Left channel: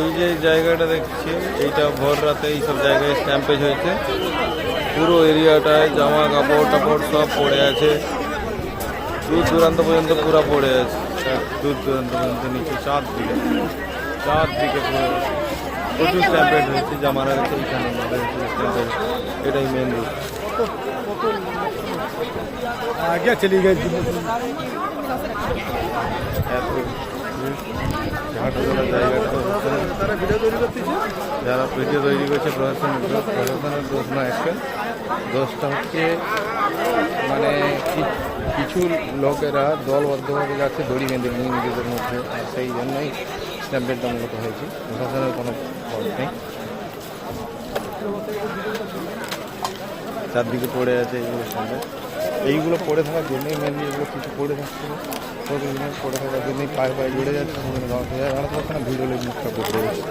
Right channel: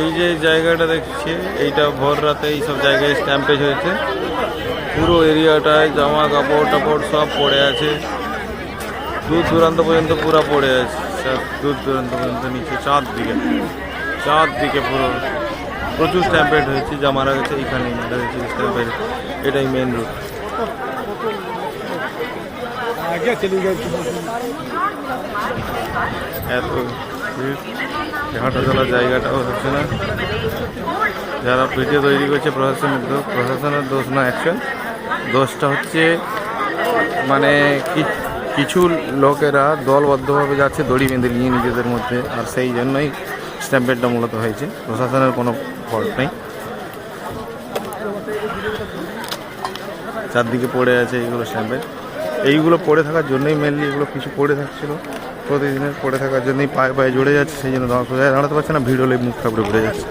এই যে জায়গাটা দেখছি এইটা ভোর রাতে এই সব জায়গায় স্ট্যাম্পেজ হয়েছে। পুরো এরিয়াটায় জামা কাপড় টাপড় সব পড়ে আছে, দূর দূরান্ত পর্যন্ত পুরো পড়ে আছে, সব দূর দূরান্ত পর্যন্ত নিচে চারদিকে পুরো প্রচুর স্ট্যাম্পেড হয়েছে। যা মারা গেছে এখানে মারা গেছে স্ট্যাম্পেড। এটাই মেন রুট। এত হাঁটা চলার জায়গাটাও হচ্ছে না। যারা ভিডিও তৈরি করছে প্রশাসনের দোষ না, অ্যাকচুয়াল দোষটা হচ্ছে মানে কিছু লোকেরা দলবদ্ধভাবে যাচ্ছে দড়ি বেঁধে নিয়ে নিজেদের মধ্যে, আর সেই জন্যই স্ট্যাম্পেডটা মূলত হয়েছে। প্রশাসনের কোনো ফল্ট নেই। চারদিকে পড়ে আছে এইগুলো স্ট্যাম্পেড। এইগুলো পড়ে থাকার জন্যই মেনলি এগুলো কিছু পড়ে থাকছিল, প্রতিদিনের পড়ে থাকার জন্যই পায়ে পায়ে জড়ে যাচ্ছে, সেই জন্য দাঁড়াতে পারছে না, ভিড় হলে মুখ কাপড়ে পড়ে যাচ্ছে।